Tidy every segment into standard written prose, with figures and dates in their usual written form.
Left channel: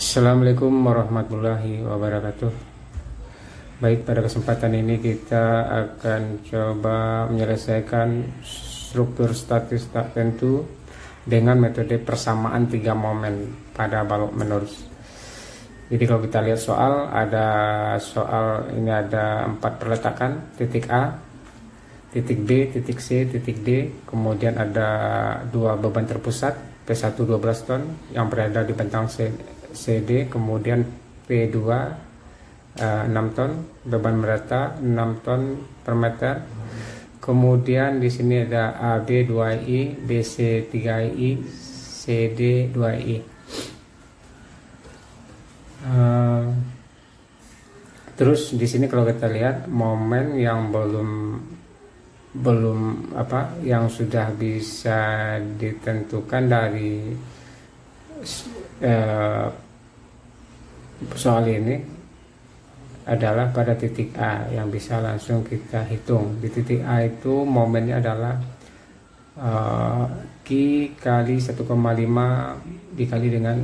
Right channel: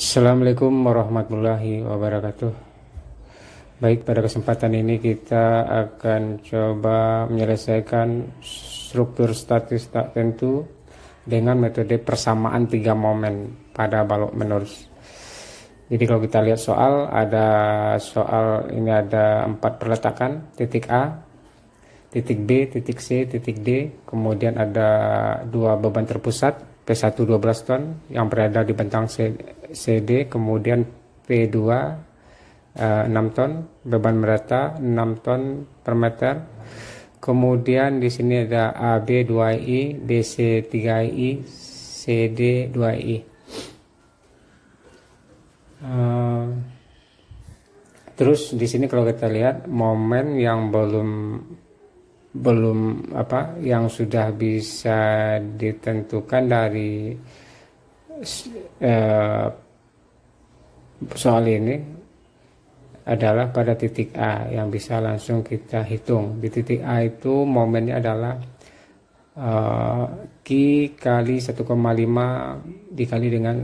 Assalamualaikum warahmatullahi wabarakatuh. Baik, pada kesempatan ini kita akan coba menyelesaikan struktur statis tak tentu dengan metode persamaan 3 momen pada balok menerus. Jadi kalau kita lihat soal ini ada 4 perletakan, titik A, titik B, titik C, titik D, kemudian ada 2 beban terpusat, P1 12 ton yang berada di bentang CD, kemudian P2 6 ton, beban merata 6 ton per meter. Kemudian di sini ada AB 2I, BC 3I, CD 2I. Terus di sini kalau kita lihat momen yang yang sudah bisa ditentukan dari soal ini adalah pada titik A yang bisa langsung kita hitung. Di titik A itu momennya adalah Q kali 1,5 dikali dengan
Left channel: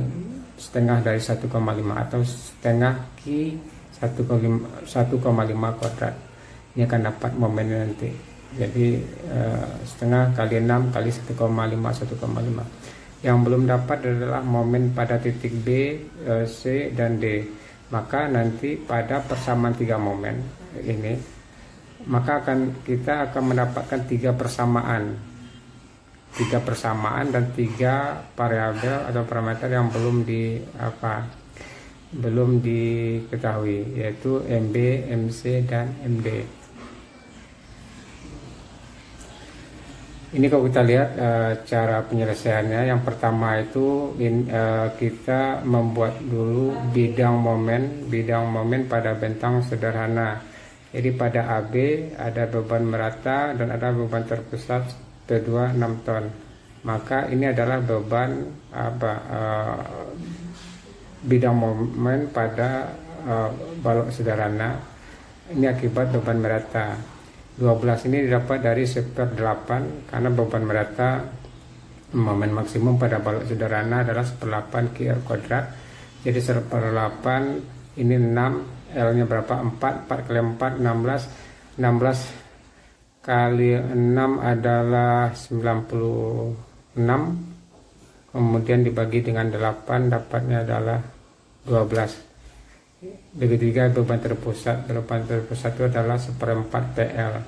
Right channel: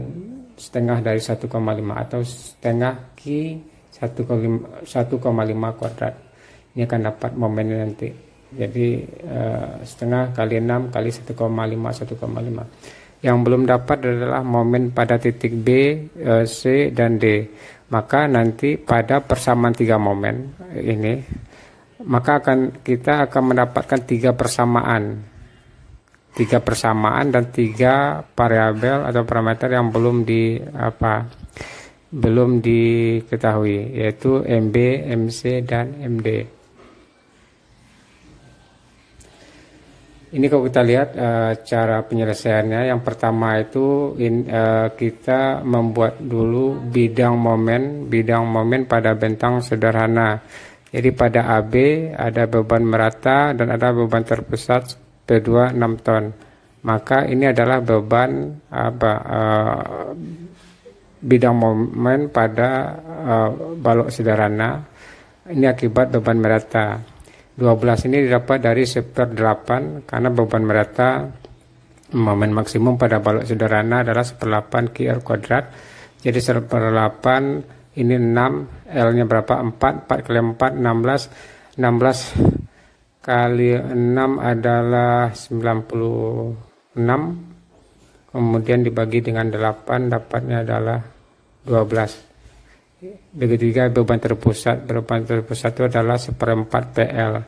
setengah dari 1,5 atau setengah Q 1,5 kuadrat. Ini akan dapat momennya nanti. Jadi setengah kali 6 kali 1,5 1,5. Yang belum dapat adalah momen pada titik B, C, dan D. Maka nanti pada persamaan 3 momen ini, maka kita akan mendapatkan 3 persamaan. 3 persamaan dan 3 variabel atau parameter yang belum diketahui, yaitu MB, MC, dan MD. Ini kalau kita lihat cara penyelesaiannya, yang pertama itu kita membuat dulu bidang momen pada bentang sederhana. Jadi pada AB ada beban merata dan ada beban terpusat P2 6 ton. Maka ini adalah beban bidang momen pada balok sederhana. Ini akibat beban merata. 12 ini didapat dari 1/8 karena beban merata momen maksimum pada balok sederhana adalah 1/8 QR kuadrat. Jadi 1/8 ini 6, L nya berapa? 4 kali 4 16 kali 6 adalah 96, kemudian dibagi dengan 8 dapatnya adalah 12. Begitu juga beban terpusat itu adalah 1/4 PL,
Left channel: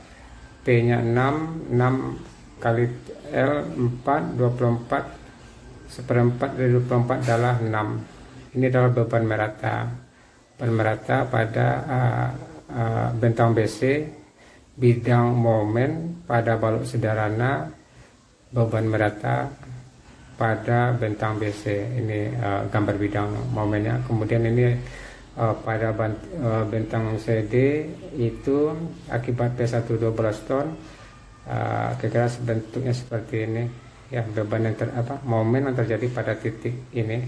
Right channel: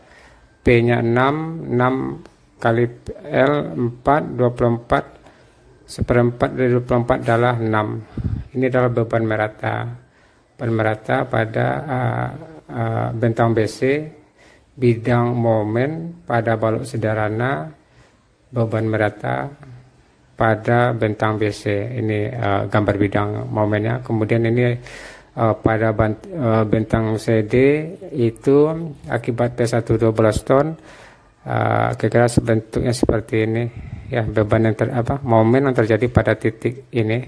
P nya 6 kali L 4, 24, 1/4 dari 24 adalah 6. Ini adalah beban merata pada bentang BC, bidang momen pada balok sederhana, beban merata pada bentang BC. Ini gambar bidang momennya. Kemudian ini pada bentang CD itu akibat P1 12 ton, kira-kira bentuknya seperti ini ya, beban yang momen yang terjadi pada titik ini,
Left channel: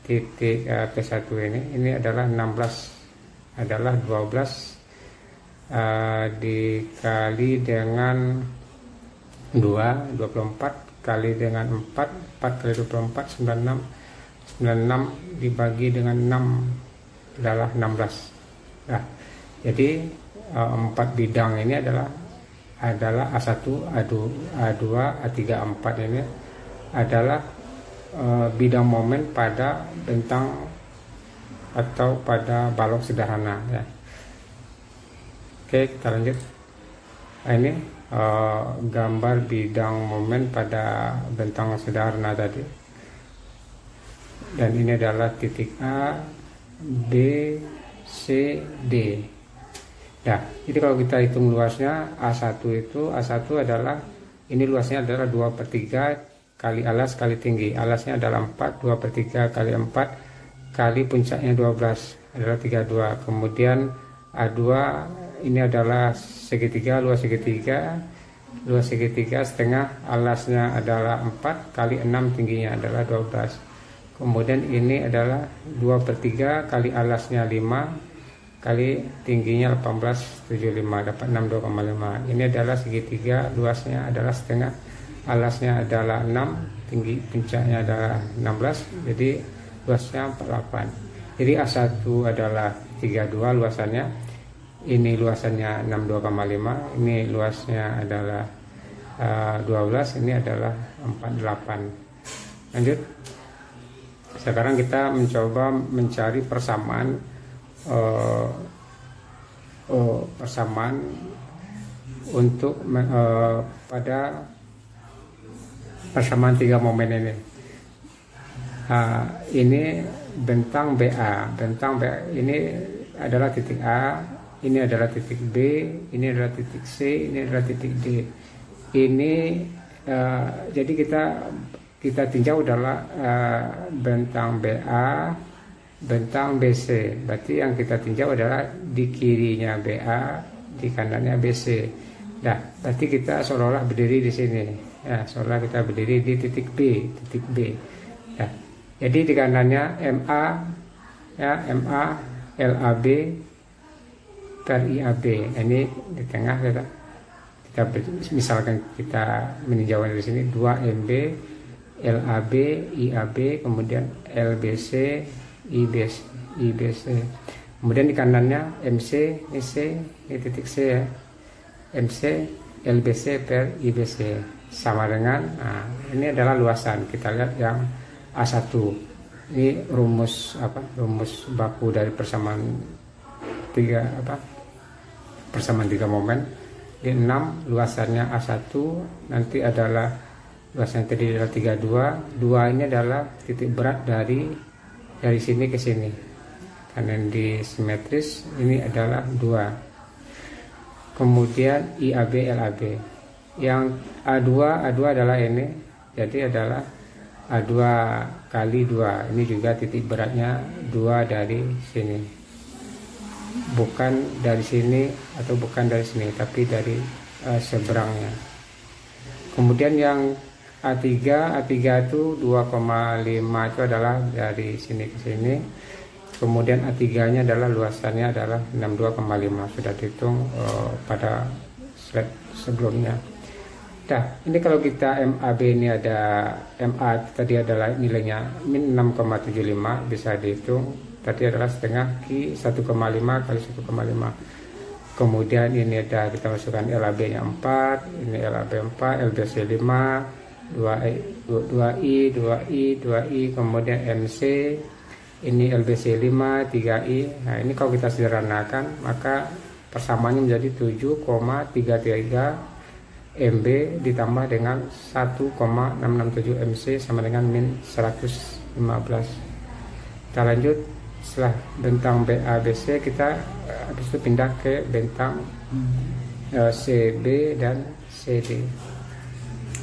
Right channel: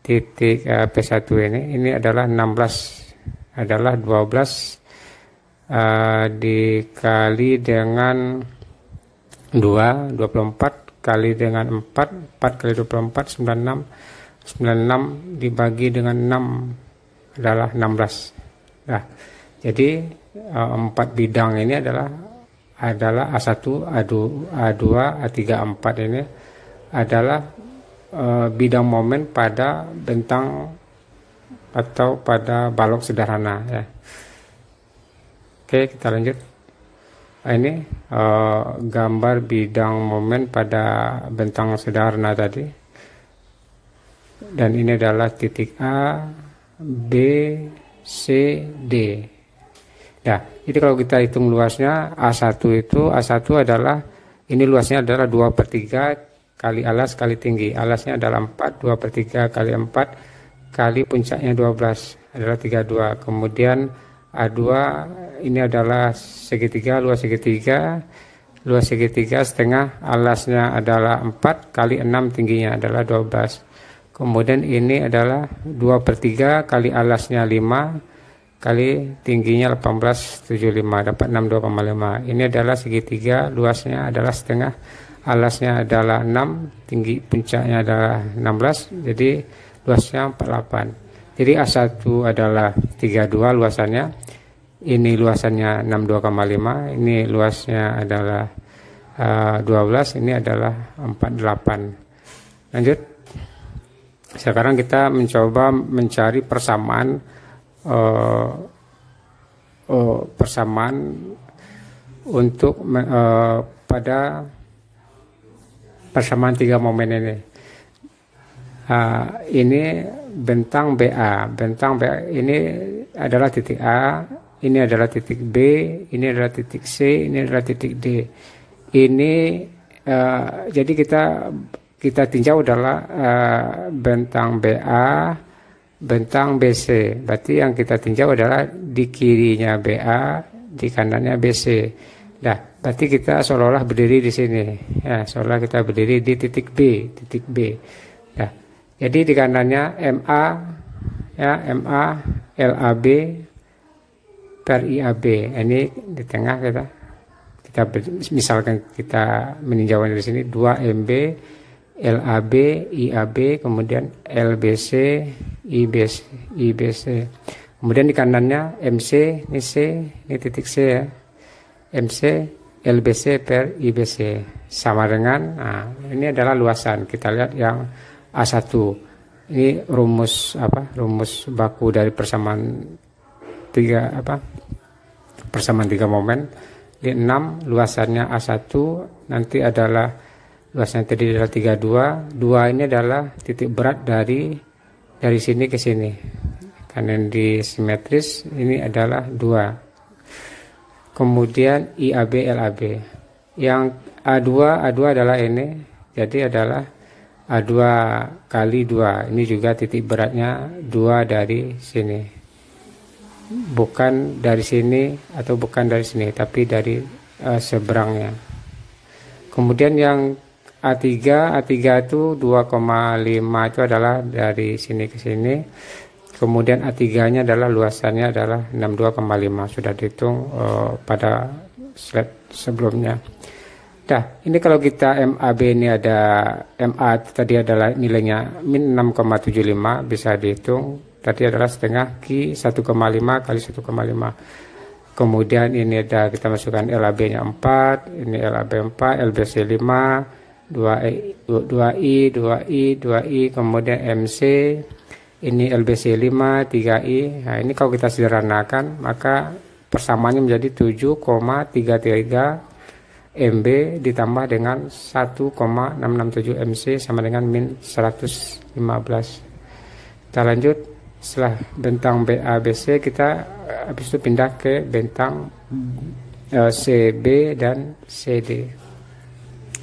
titik P1 ini adalah 12 dikali dengan 24 kali dengan 4 kali 24 96 dibagi dengan 6 adalah 16. Nah, jadi 4 bidang ini adalah A1, A2, A3, A4 ini adalah bidang momen pada bentang atau pada balok sederhana ya. Oke, kita lanjut. Ini gambar bidang momen pada bentang sederhana tadi. Dan ini adalah titik A, B, C, D. Nah, jadi kalau kita hitung luasnya A1 adalah, ini luasnya adalah 2/3 kali alas kali tinggi. Alasnya adalah 4, 2/3 kali 4 kali puncaknya 12 adalah 32. Kemudian A2 ini adalah segitiga, luas segitiga setengah, alasnya adalah 4 kali 6 tingginya adalah 12. Kemudian ini adalah 2/3 kali alasnya 5 kali tingginya 1875 dapat 62,5. Ini adalah segitiga, luasnya adalah setengah, alasnya adalah 6, tinggi puncaknya adalah 16. Jadi luasnya 48. Jadi A1 adalah 32 luasannya, ini luasannya 62,5, ini luasnya adalah 12, ini adalah 48. Lanjut. Sekarang kita mencoba mencari persamaan untuk pada persamaan 3 momen ini. Ini bentang BA. Bentang BA ini adalah titik A, ini adalah titik B, ini adalah titik C, ini adalah titik D. Ini jadi kita tinjau adalah bentang BA, bentang BC. Berarti yang kita tinjau adalah di kirinya BA, di kanannya BC. Nah, berarti kita seolah-olah berdiri di sini. Ya, seolah kita berdiri di titik B, titik B. Nah, jadi di kanannya MA, ya MA, LAB, per IAB. Ini di tengah kita misalkan kita meninjau dari sini 2 MB, LAB, IAB, kemudian LBC, IBC. Kemudian di kanannya MC, ini C, ini titik C ya. MC, LBC per IBC sama dengan, nah, ini adalah luasan. Kita lihat yang A1. Ini rumus baku dari persamaan 3 momen. Di 6 luasannya A1, nanti adalah luasnya tadi adalah 32. 2 ini adalah titik berat dari sini ke sini. Karena di simetris ini adalah 2. Kemudian IAB, LAB. Yang A2 adalah ini. Jadi adalah A2 kali 2. Ini juga titik beratnya 2 dari sini. Bukan dari sini atau bukan dari sini, tapi dari seberangnya. Kemudian yang A3 itu 2,5 itu adalah dari sini ke sini. Kemudian A3 nya adalah luasannya adalah 62,5, sudah dihitung pada slide sebelumnya. Nah, ini kalau kita MAB ini ada MA tadi adalah nilainya min 6,75, bisa dihitung. Tadi adalah setengah Q 1,5 kali 1,5. Kemudian ini ada kita masukkan LAB nya 4, ini LAB 4, LBC 5, 2I, kemudian MC, ini LBC 5, 3I. Nah, ini kalau kita sederhanakan maka persamaannya menjadi 7,33 MB ditambah dengan 1,667 MC sama dengan min 115. Kita lanjut. Setelah bentang BABC kita habis itu pindah ke bentang CB dan CD.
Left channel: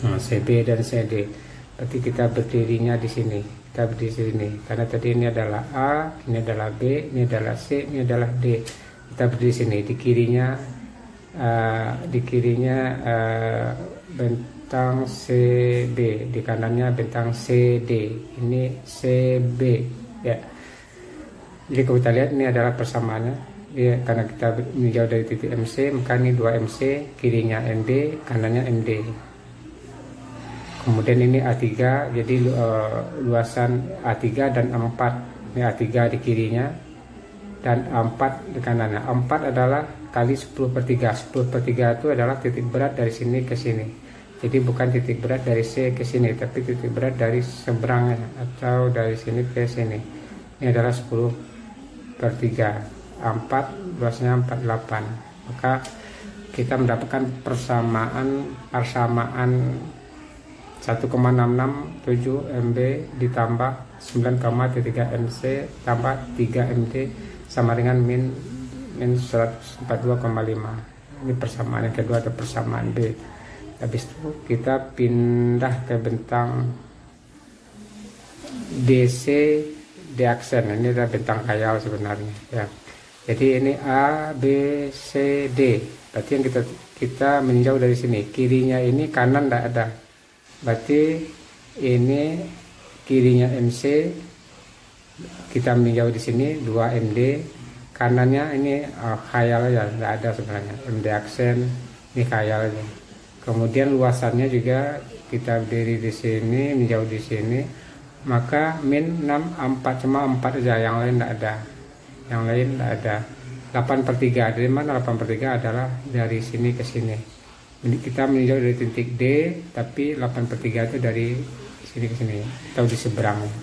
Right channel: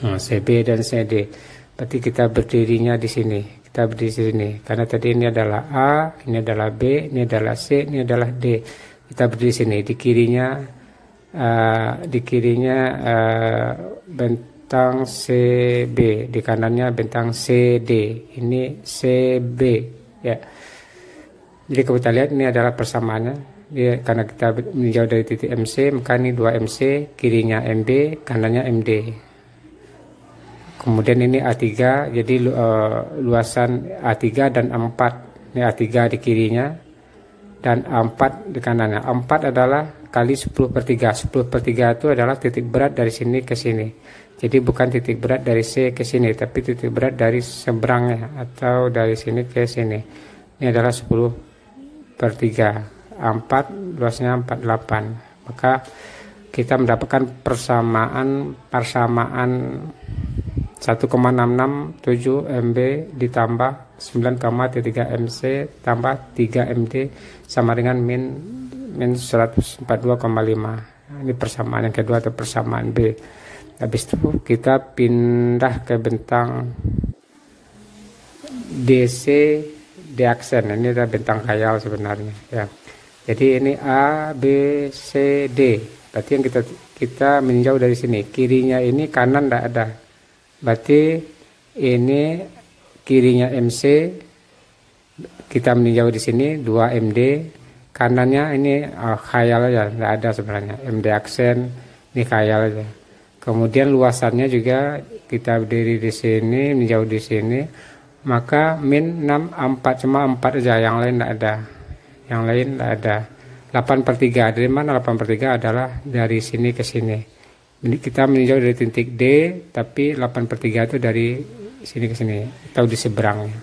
CB dan CD. Berarti kita berdirinya di sini. Kita berdiri di sini. Karena tadi ini adalah A, ini adalah B, ini adalah C, ini adalah D. Kita berdiri di sini. Di kirinya bentang CB, di kanannya bentang CD. Ini CB ya. Jadi kalau kita lihat ini adalah persamaannya. Karena kita meninjau dari titik MC, maka ini 2 MC, kirinya MB, kanannya MD. Kemudian ini A3, jadi luasan A3 dan A4. Ini A3 di kirinya dan A4 di kanannya. A4 adalah kali 10/3. 10/3 itu adalah titik berat dari sini ke sini. Jadi bukan titik berat dari C ke sini, tapi titik berat dari seberangnya atau dari sini ke sini. Ini adalah 10/3. A4 luasnya 48. Maka kita mendapatkan persamaan 1,667 MB ditambah 9,3 MC tambah 3 MD sama dengan min 142,5. Ini persamaan yang kedua atau persamaan B. Habis itu kita pindah ke bentang DC D aksen. Ini adalah bentang khayal sebenarnya ya. Jadi ini A, B, C, D. Berarti yang kita meninjau dari sini. Kirinya ini kanan tidak ada. Berarti ini kirinya MC. Kita meninjau di sini 2 MD. Kanannya ini khayal aja, tidak ada sebenarnya. MD aksen ini khayal aja. Kemudian luasannya juga kita berdiri di sini, meninjau di sini. maka min 6 4 cuma 4 aja, yang lain tidak ada, yang lain tidak ada. 8/3 dari mana? 8/3 adalah dari sini ke sini. Ini kita meninjau dari titik D, tapi 8/3 itu dari sini ke sini atau di seberangnya.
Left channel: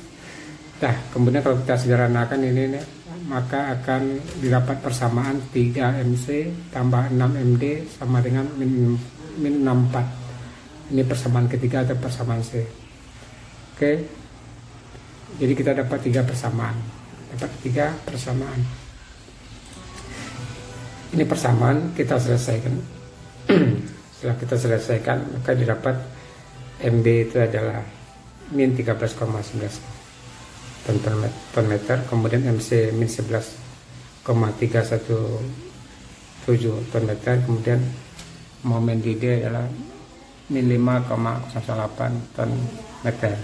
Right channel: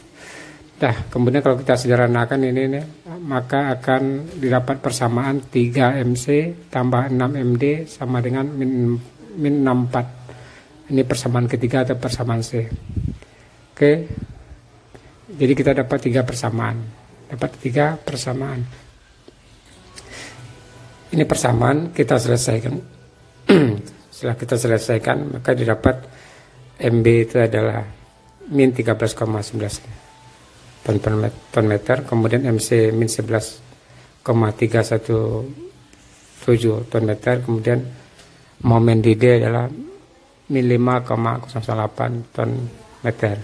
Nah, kemudian kalau kita sederhanakan ini maka akan didapat persamaan 3 MC tambah 6 MD sama dengan min 64. Ini persamaan ketiga atau persamaan C. Oke. Jadi kita dapat 3 persamaan. Dapat 3 persamaan. Ini persamaan kita selesaikan. Setelah kita selesaikan, maka didapat MB itu adalah min 13,19 ton meter, kemudian MC min 11,317 ton meter, kemudian momen di D adalah min 5,08 ton meter.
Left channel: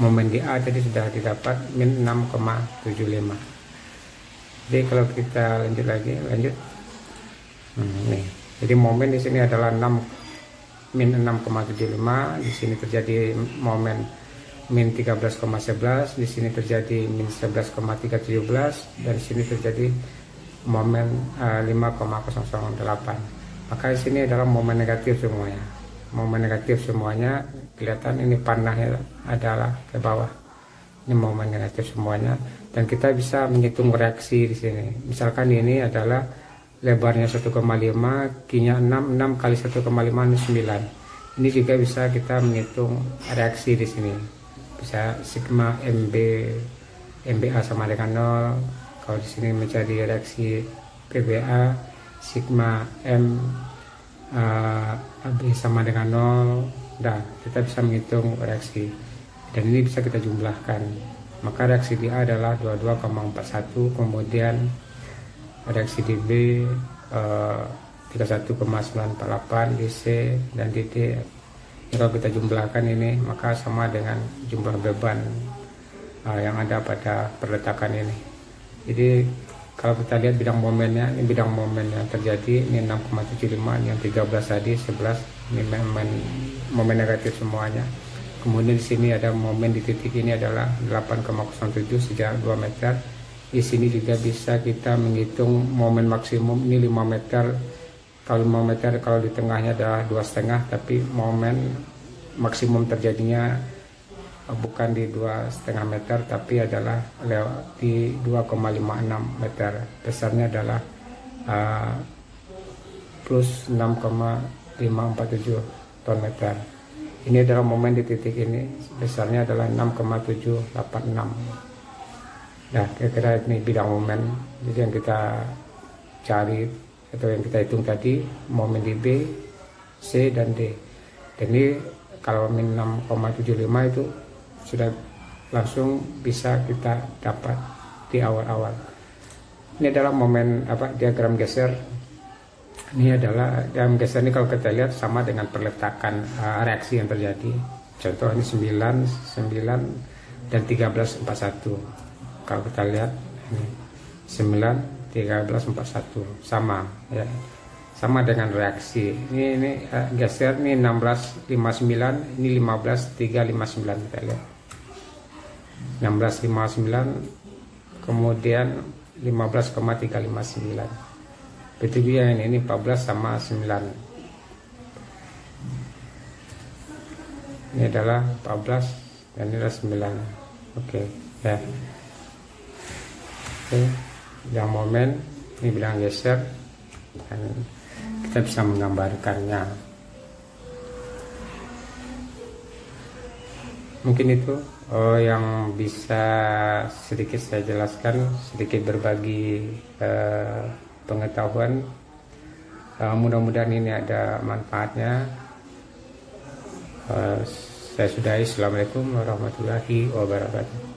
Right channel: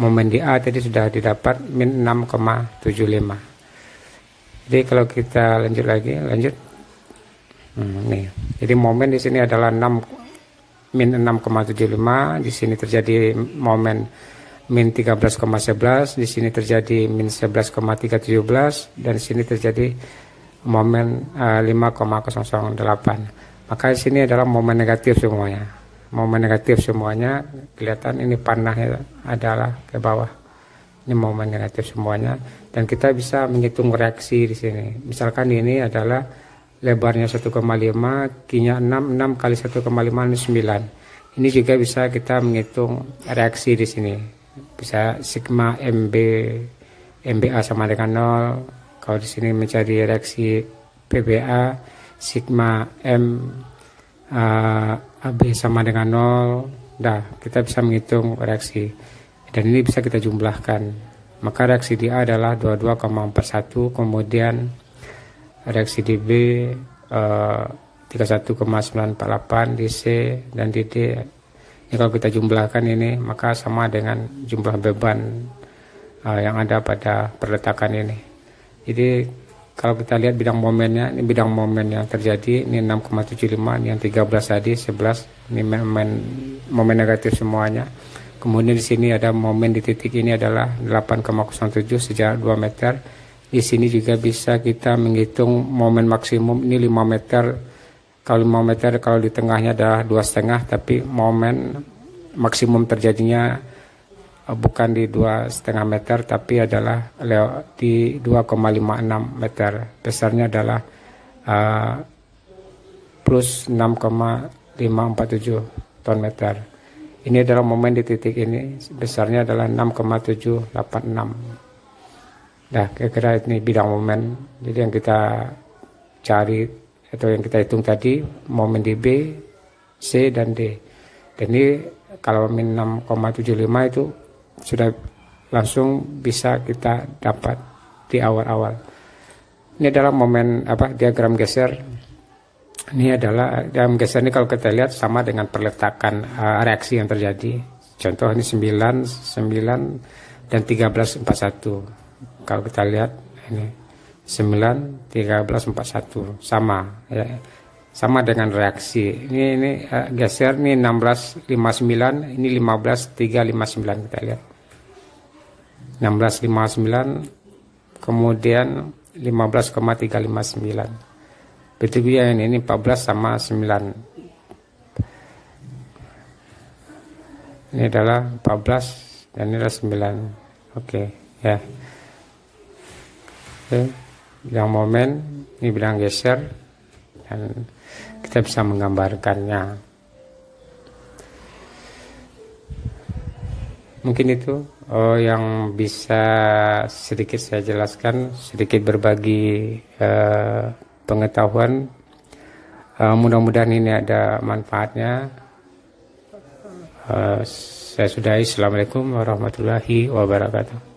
Momen di A tadi sudah didapat min 6,75. Jadi kalau kita lanjut lagi, nih. Jadi momen di sini adalah min 6,75, di sini terjadi momen min 13,11, di sini terjadi min 11,317, dan di sini terjadi momen 5,008. Maka di sini adalah momen negatif semuanya. Momen negatif semuanya, kelihatan ini panahnya adalah ke bawah. Ini momen negatif semuanya, dan kita bisa menghitung reaksi di sini. Misalkan ini adalah lebarnya 1,5, Q-nya 6 kali 1,5 ini 9. Ini juga bisa kita menghitung reaksi di sini. Bisa sigma MBA sama dengan 0. Kalau di sini mencari reaksi PBA, sigma AB sama dengan 0. Nah, kita bisa menghitung reaksi. Dan ini bisa kita jumlahkan. Maka reaksi di A adalah 22,41, kemudian reaksi di B 31,948, di C dan di D. Ini kalau kita jumlahkan ini, maka sama dengan jumlah beban yang ada pada perletakan ini. Jadi kalau kita lihat bidang momennya, ini bidang momen yang terjadi, ini 6,75, ini yang 13 tadi 11, ini momen negatif semuanya. Kemudian di sini ada momen di titik ini adalah 8,07 sejak 2 meter. Di sini juga bisa kita menghitung momen maksimum, ini 5 meter. Kalau 5 meter, kalau di tengahnya adalah 2,5, tapi momen maksimum terjadinya bukan di 2,5 meter, tapi adalah di 2,56 meter. Besarnya adalah plus 6,547 ton meter. Ini adalah momen di titik ini, besarnya adalah 6,786. Nah, kira-kira ini bidang momen. Jadi yang kita cari atau yang kita hitung tadi, momen di B, C, dan D. Dan ini kalau min 6,75 itu sudah langsung bisa kita dapat di awal-awal. Ini adalah momen diagram geser. Ini adalah diagram geser ini kalau kita lihat sama dengan perletakan reaksi yang terjadi. Contoh ini 9 dan 13,41. Kalau kita lihat ini 9, 13,41 sama ya. Sama dengan reaksi. Ini geser ini 16,59, ini 15,359 kita lihat. 16,59 kemudian 15,359. Begitu juga ini 14 sama 9. Ini adalah 14 dan ini adalah 9. Oke, ya. Oke, bidang momen, ini bidang geser, dan kita bisa menggambarkannya. Mungkin itu yang bisa sedikit saya jelaskan, sedikit berbagi pengetahuan. Mudah-mudahan ini ada manfaatnya. Saya sudahi. Assalamualaikum warahmatullahi wabarakatuh.